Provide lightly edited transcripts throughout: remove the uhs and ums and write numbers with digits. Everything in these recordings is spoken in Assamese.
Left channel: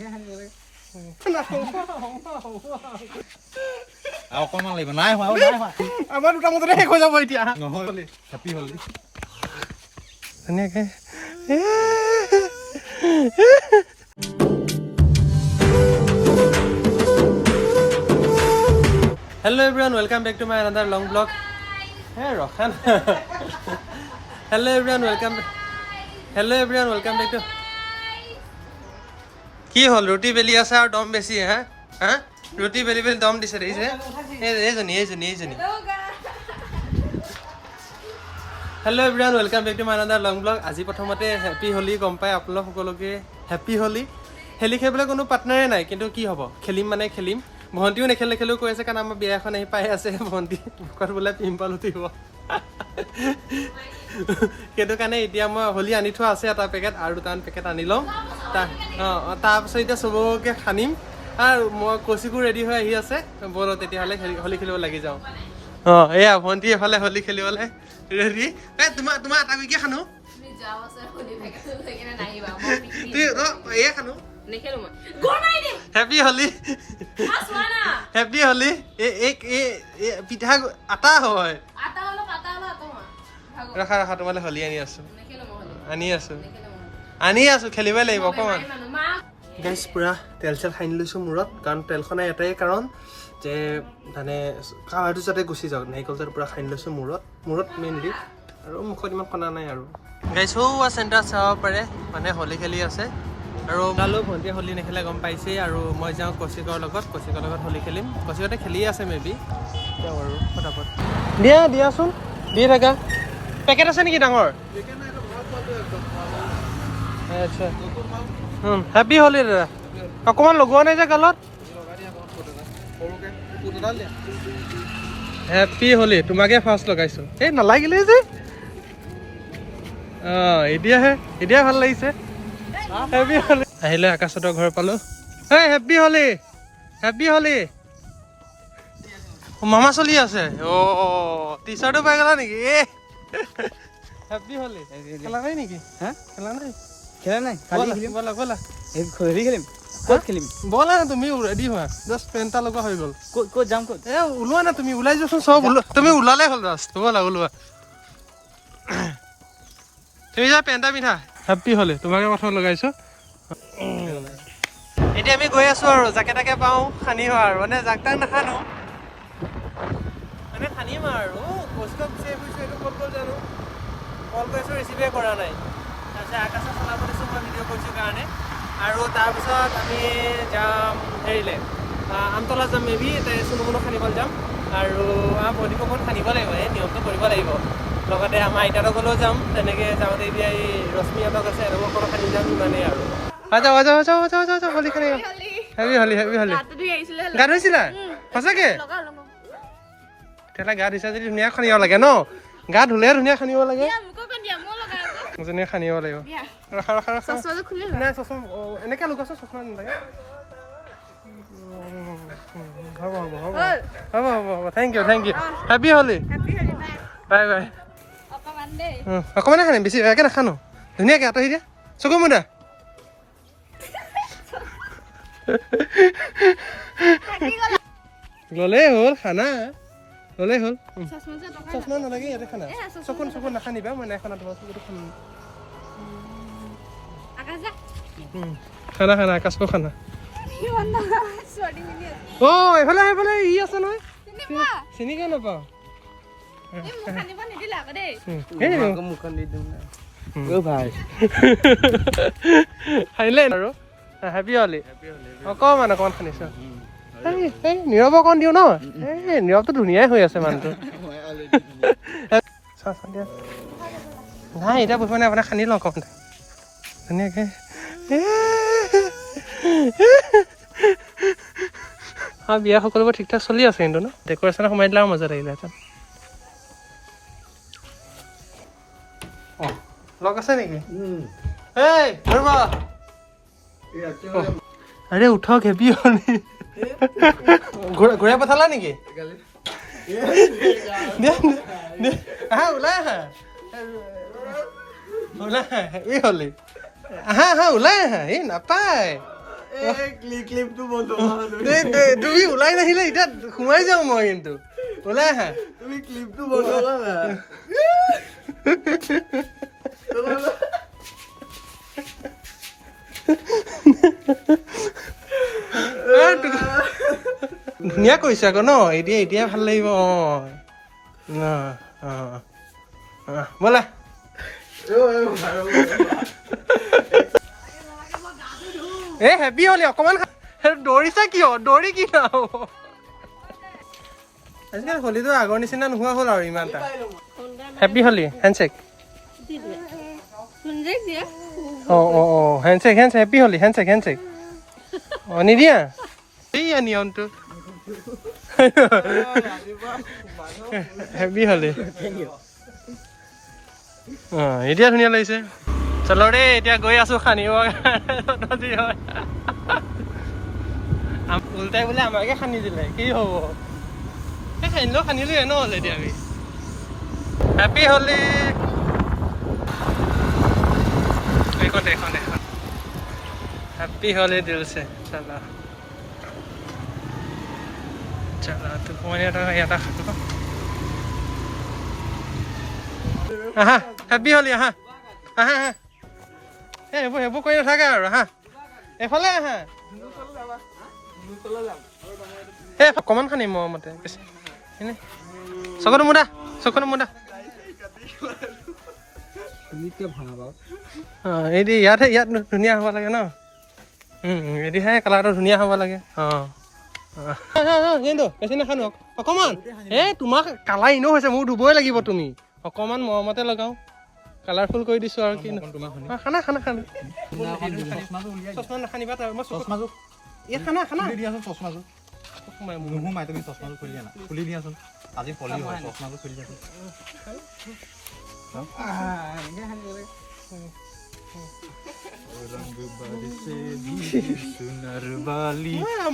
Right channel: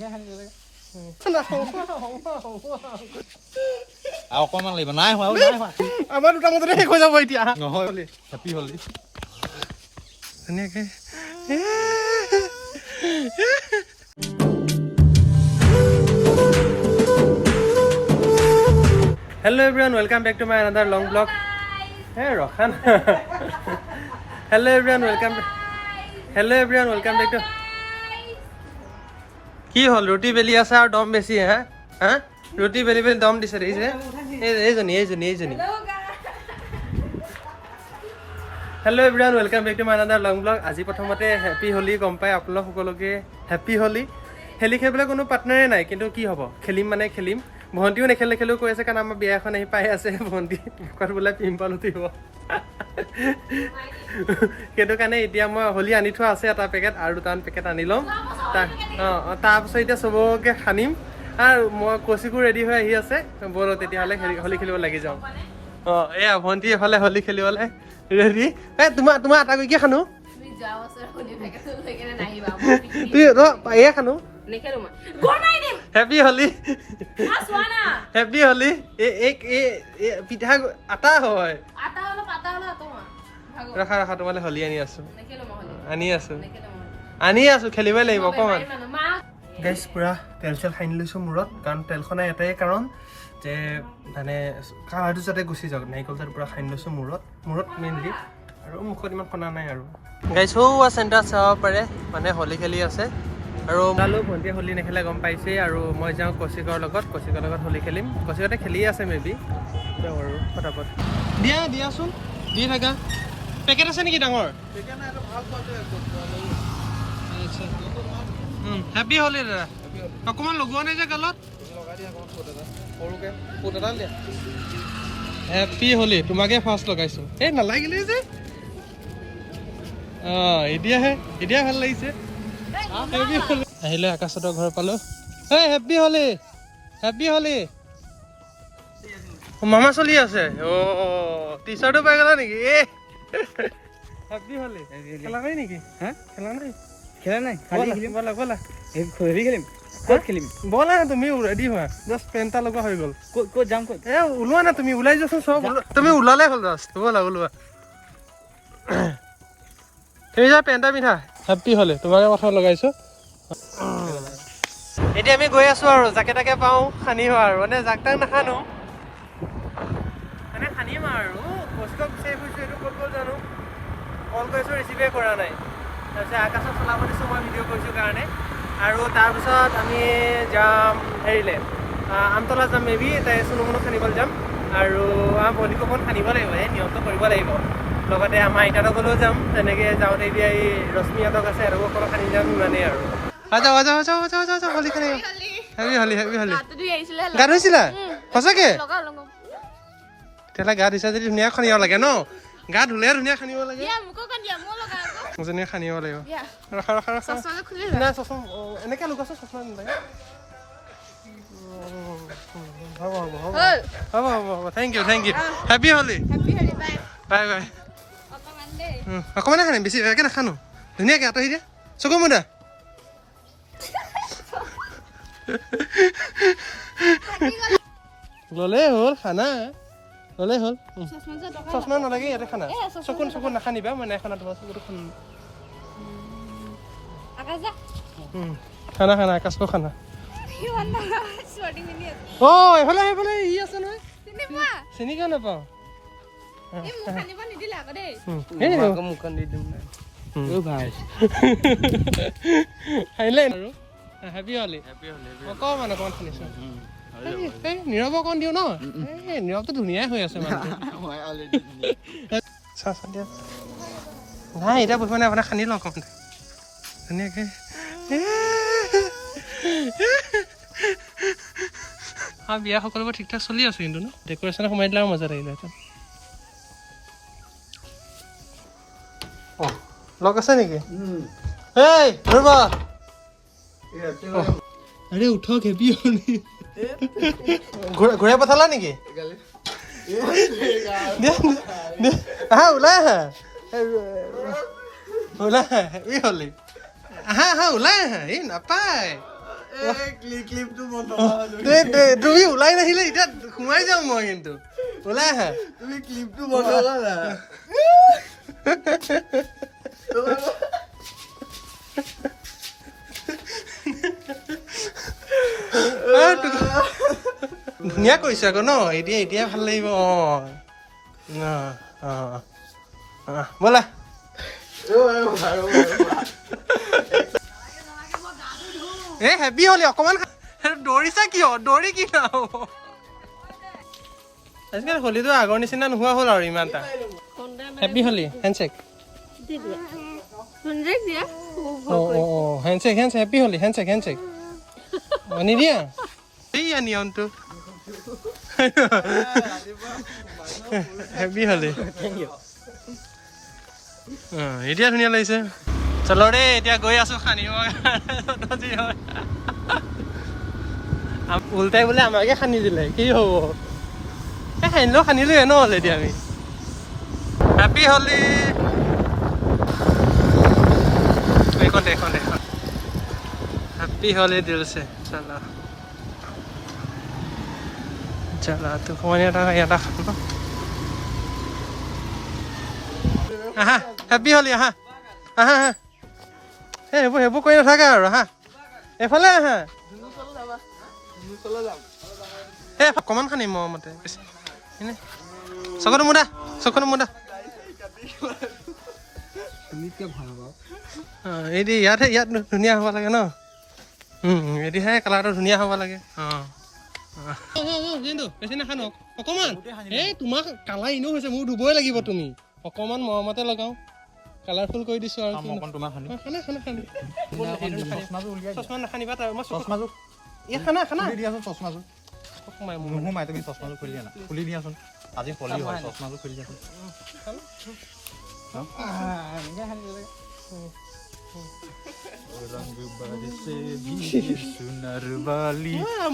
আৰু অকণমান লাগিব নাই হোৱা আমাৰ দুটা মতে শেষ হৈ যাব এতিয়া নহয় হেপী হলি ধুনীয়াকে Hello everyone, welcome back to my another long vlog. Hey Rohan. Hello everyone, welcome back to. কি হল ৰুটি বেলি আছে আৰু দম বেছি হা হা ৰুটি বেলি বেলি দম দিছে দেখিছে এইজনী hello' everyone welcome back to my another long blog আজি প্ৰথমতে হেপী হোলী গম পাই আপোনালোক সকলোকে হেপী হোলী খেলি খেলিবলৈ কোনো পাৰ্টনাৰে নাই কিন্তু কি হ'ব খেলিম মানে খেলিম ভণ্টিও নেখেলেও কৈ আছে কাৰণ আমাৰ বিয়া এখন আহি পাই আছে ভণ্টি মুখত বোলে পিম্পল উঠিব সেইটো কাৰণে এতিয়া মই হোলী আনি থোৱা আছে এটা পেকেট আৰু দুটামান পেকেট আনি ল'ম তাৰপাছত এতিয়া চবকে সানিম আৰু মই কচিকো ৰেডি হৈ আহি আছে ব'ল তেতিয়াহ'লে হোলী খেলিব লাগি যাওঁ এয়া ভণ্টি এফালে হোলী খেলিবলৈ ৰেডি তোমাৰ এটা কি খানো এয়া খানো হেপী হোলী হেপী হোলী পিঠা আটা হয় ৰাখা তোমালে হোলী আনি আছো খেলিবই লাগিব অকণমান গাইজ পুৰা তেল চেল সানি লৈছোঁ মূৰত কাৰণ তেলখনে এটাই কাৰণ যে মানে কালাৰটো যাতে গুচি যাওক নাৰিকলটো পুৰা সানি লৈছোঁ মূৰত মেইনলি আৰু মুখত ইমান সনা নাই আৰু গাইজ হোৱা চেণ্টাৰ চাব পাৰে মানে হোলী খেলি আছে আৰু ওলালোঁ ভণ্টিয়ে হোলী নেখেলে গম পাইছেই আৰু মই যাওঁ কচিকৰ লগত হোলী খেলিম কচিকতে খেলিয়ে আছে মেবি যাওঁ আৰু ফটাফট দিয়াচোন দি থাকা পেকেট আছে নেকি ডাঙৰ আচ্ছা হেপী হোলী দাদা অকণমান লগোৱা নাই যে গালত হেপী হোলী তোমাকে ফাৰ্ষ্ট লগাইছোঁ এই নালাগিলে যে এতিয়া ভাল লাগিছে হেপী হোলী আহিলে আকাশহঁতৰ ঘৰ পালোঁ এই হেপী হোলী মামা চলি আছে টি চাৰ্টো পাই গ'লা নেকি হেপী হোলী খেলা নাই নেকি খেলা নাই খেলিম ক'ত খেলিম ব'লা না তুমি ৰেডি হোৱা জাষ্ট পেণ্ট এটা লগা হৈ গ'ল ক'ত যাম ক'ত ওলোৱা না তুমি ওলাই যোৱাচোন চব তুমি ওলালে হ'ল জাষ্ট ওলোৱা তুমি যা পেণ্ট এটা পিন্ধা হেপী হোলী তোমাকে কথা লগাইছোঁ এতিয়া আমি গৈ আছোঁ আৰু যাকে তাকে পাওঁ সানিম আৰু মানে যাক তাক নাসানো মানে সানিম আৰু বস্তু বিচাৰি ফুৰিছোঁ এইটো ক'ত জানো কল কৰিছোঁ ৰিচিভে কৰা নাই তাৰপিছত আকাশত চলাব দিছোঁ মই ভিডিঅ' কৰিছোঁ কাৰণে আৰু তাৰপিছত আমি যাম হেৰিলে আমতলা যাম মেবি চুনুমুনু সানিবলৈ যাম আৰু আমাৰ বডিক অকণ সানিব লাগিব নিয়মটো কৰিব লাগিব লগতে আমাৰ আইতাহঁতকলৈও যাম তেনেকৈ যাওঁতে এতিয়া এই ৰশ্মিহঁতক আছে আৰু অকণ সানি যাম ইমানেই আৰু যাওঁ হোলী খেলি হেপী হোলী গা ধুইছিলা সঁচাকে তেতিয়াহ'লে গা ধুইছা যদি ধুনীয়া সানিব লাগে ন গা ধুলে ধুনীয়া সানিব লাগে ধুনীয়া সানিব লাগিব এনেকৈ লুকাইছোঁ চশমা নালাগে হ'ব থেংক ইউ হেপী হোলী বাই অকণমানে সানিম বেছি একে নাখানো ধুনীয়াকৈ আঁতৰি দিয়া চকু মুদা ল'লেই হ'ল খানা ল'লেই হ'ল চশমা নালাগে ইয়াতে খানা চকুন নাখানিবা মই নাই খানা তোমাৰ চকুটো খানা আকাশকো খানা এইফালে ই আছে নহয় চিনি কিয় নাপাওঁ খাইলে আৰু হেপী হোলী অকণমান সানিছোঁ এই নীৰৱ অকণ দিওঁ ন এই নীৰৱটো ধুনীয়াই হৈ আছে মানুহটো নাই এতিয়া বহি মানে আপোনাক সানি লওঁ অকণমান ধুনীয়াকৈ বিয়া সকলোবোৰ ঠিক ঠাক চলি আছে কিন্তু ন ডেক'ৰেশ্যনত সোমাই দিলে আৰু মজা লাগিলেহেঁতেন লগ আছে নেকি এই ৰ'বা আৰে উঠক হেপী হোলী ঘূৰাই পঠালা নেকি ওলাই আহা হেপী হোলী আহা ওলাই আহা এই নাপায় তুমি ওলাই নাহিলে এতিয়া সোমাই যাওঁ মই কিন্তু ওলাই আহা তুমি ক্লিপটো বন্ধ কৰা ধুনীয়া কৰিছে আকৌ ন এতিয়া ভাল লাগিব ব'লা এ হেপী হলি অকমান দৌৰিছা কিয় দৌৰি কি নহ'ব আজিকালি হলিটো আগৰ নিচিনা নোহোৱা হ'ল আৰু ইমান এটা হেপী হলি হেণ্ডশেক হেণ্ডশেক হেপী হলি হেণ্ডশেক নিদিয়া এইয়া নিয়মটো হেপী হলি এতিয়া ধুনীয়া লাগিছে চলো দেই এতিয়া গৈ আছো খানিব যি হয় উল্টাই বোলে আমাকে খান্দি দিলে কি হ'ব খান্দিলেও খান্দিলোৱে ন হ'লে এতিয়া আমি হেপী হলি এইখনতে हैप्पी होली दिल से चला तो फोन यादा खातो तो आहा हैप्पी होली आहा हेबो कोई नाথাকে আৰু হা এফালে আহা অকমান খানি মতে চকনো মুদা এইদি ইয়াত ধুনীয়া হ'ব লাগে ন এদিহে কালাৰটো ধুনীয়া হ'ব লাগে বেছি নাখানো অকমান তোমাক কালাৰ ইনো হৈছে মোক ধুবই লাগিব তুমি অকমান মৰমতে লগাও কালাৰফুল কৰি দিছো আৰু কি খানা চশমা নাখানিবা মই চশমাযোৰ ইয়াত খানা দিয়াচোন চশমাযোৰ নোসোমাই তুমি চশমাযোৰ খুলি দিয়াচোন আজি হলি হয় চশমাযোৰ খুলি দিয়াচোন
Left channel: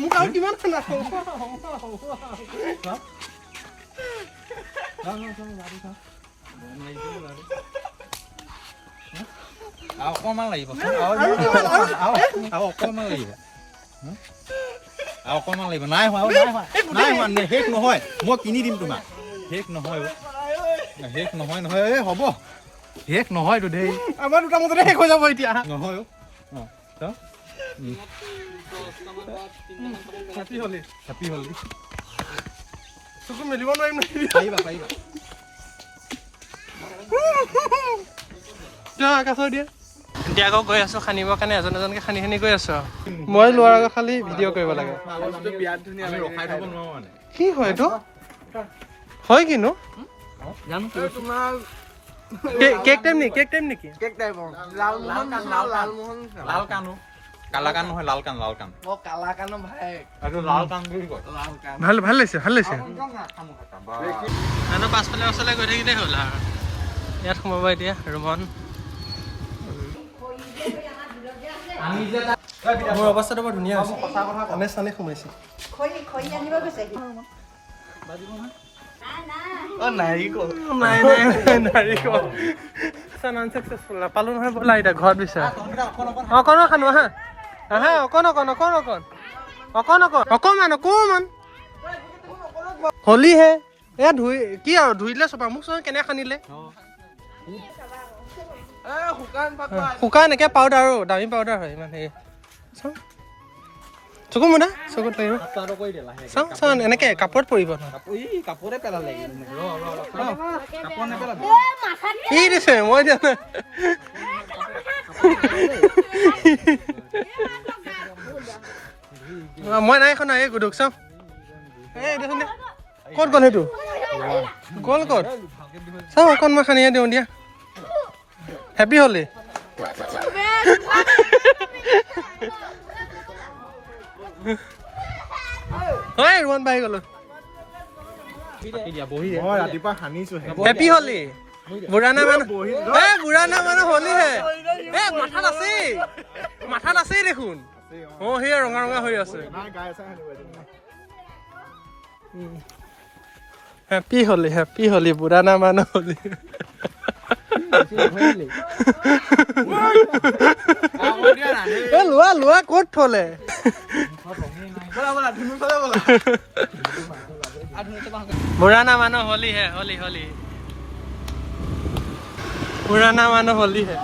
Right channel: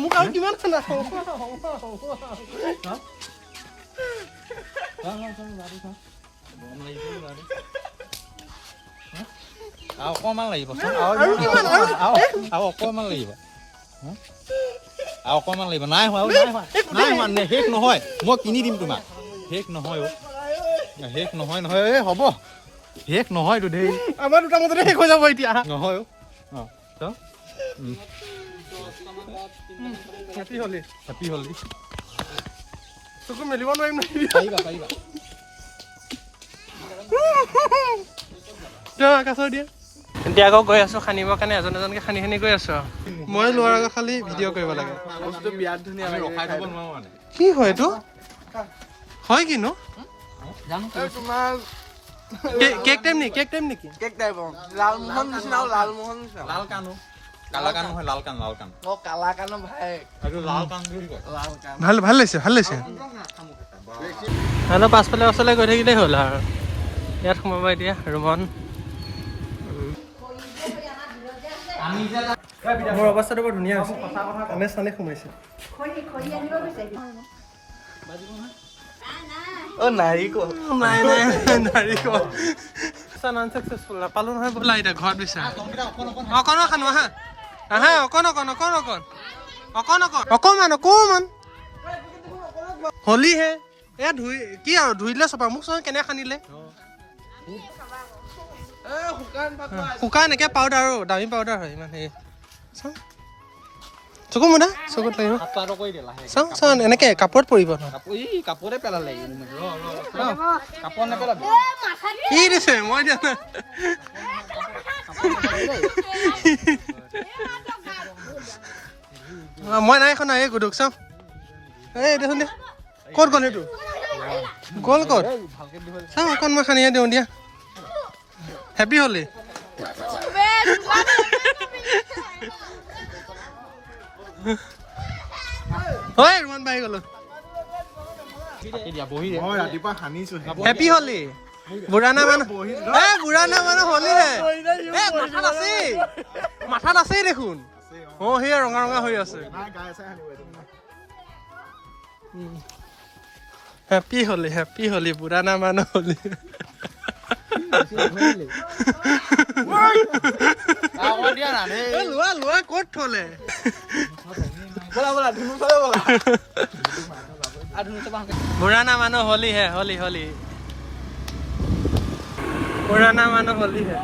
মোক আৰু কিমান খানা অকমান লাগিব নাই হোৱা শেষ নহয় মই কিনি দিম তোমাক শেষ নহয় হ'ব শেষ নহয়তো দেই আমাৰ দুটা মতে শেষ হৈ যাব এতিয়া নহয় হেপী হলি চকু মেলিব নোৱাৰিম পাৰিবা আকাশৰ দিয়া এতিয়া আকৌ গৈ আছো খানিবৰ কাৰণে এজনকে খানি গৈ আছো মই লোৱাৰ আগত খালি ভিডিঅ' কৰিব লাগে কি হয় এইটো হয় কিনো কেক টাইম নেকি ভাল লৈছে হেল্ল' পাছফালে ওচৰলৈ গৈ থাকিলেই হ'ল আৰু ইয়াত সোমাব এতিয়া ৰুমন মোৰ অৱস্থাটো বৰ ধুনীয়া হৈছে কাণে চানে সোমাইছে আনচাকচেছফুল নাপালো নহয় ব'লা এতিয়া ঘৰত বিচাৰ অকণ খানো আহা অকণমান হলিহে এয়া কি আৰু ধুই দিলে চপা মোক চোন কেনে খানিলে শুকান একে পাউডাৰ আৰু দামী পাউডাৰ হয় ইমান হেৰি চকু মুদা চকুত লাগিব চাওঁ এনেকে কাপোৰত পৰিব কি দিছে মই দিয়া নাই মই নাই এখন এই গুদুক চাওঁ এই দেখোন দিয়া ক'ত গ'ল সেইটো গ'ল ক'ত চাওঁ অকণ মই খানিহে দিওঁ দিয়া হেপী হলি হয় ৰুমন বাঢ়ি গ'লো ৰাতিপুৱা সানিছো হেপী হলি বুঢ়ানা মানুহ হলিহে মাথাত আছেই দেখোন সেয়া ৰঙা হৈ আছে হেপী হলি বুঢ়ানা মানুহ হলি লোৱা লোৱা ক'ত থলে पुराना मानो होली है होली होली पुराना मानो होली है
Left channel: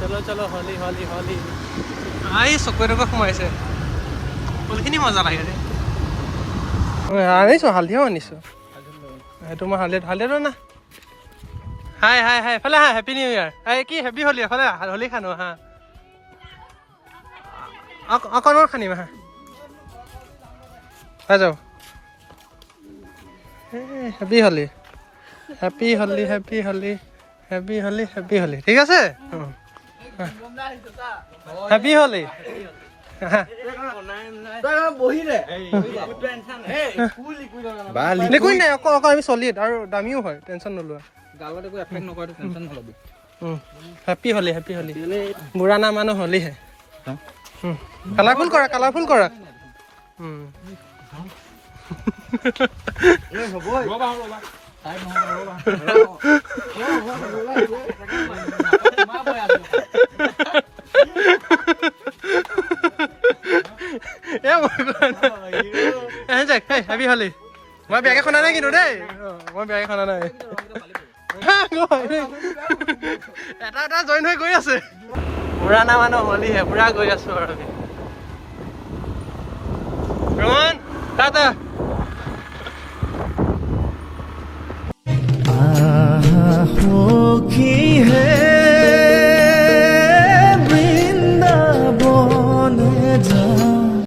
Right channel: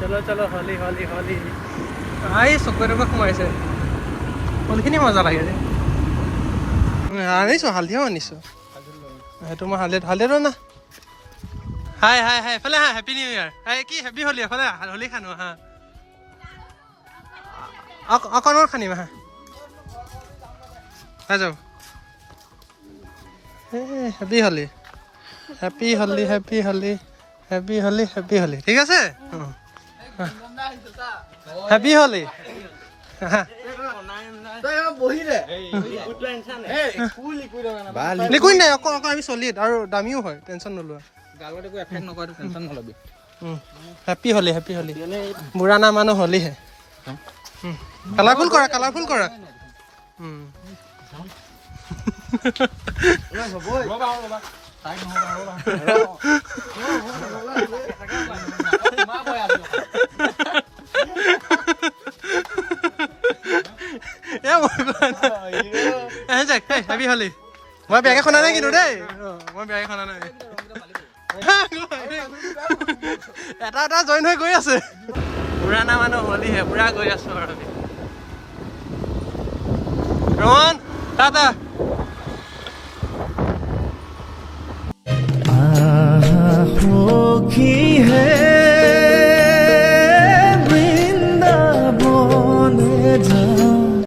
चलो चलो होली होली होली आई चकुৱে সোমাইছে হোলীখিনি মজা লাগে আনিছো হালধিও আনিছো সেইটো মই হালধিটো না হাই হাই হাই এফালে হা হেপী নিউ ইয়াৰ কি হেপী হোলী এফালে হোলী খানো হা অকণমান খানিম হা হৈ যাও happy Holi happy Holi happy Holi happy Holi happy Holi ঠিক আছে হেপী হোলী একোৱেই নাই অকল আমি চলি আৰু দামীও হয় টেনশ্যন নোলোৱা হেপী হোলী হেপী হোলী বুঢ়া না মানুহ হোলী হে কালাৰফুল কৰা কালাৰফুল কৰা হেপী হোলী মই বেয়াকে শুনা নাই কিন্তু দেই মই বেয়াকে শুনা নাই এটা এটা জইন হৈ গৈ আছে পুৰাণা মানুহ হোলীহে পুৰা গৈ আছো আৰু আমি रोहन टाटा होगी है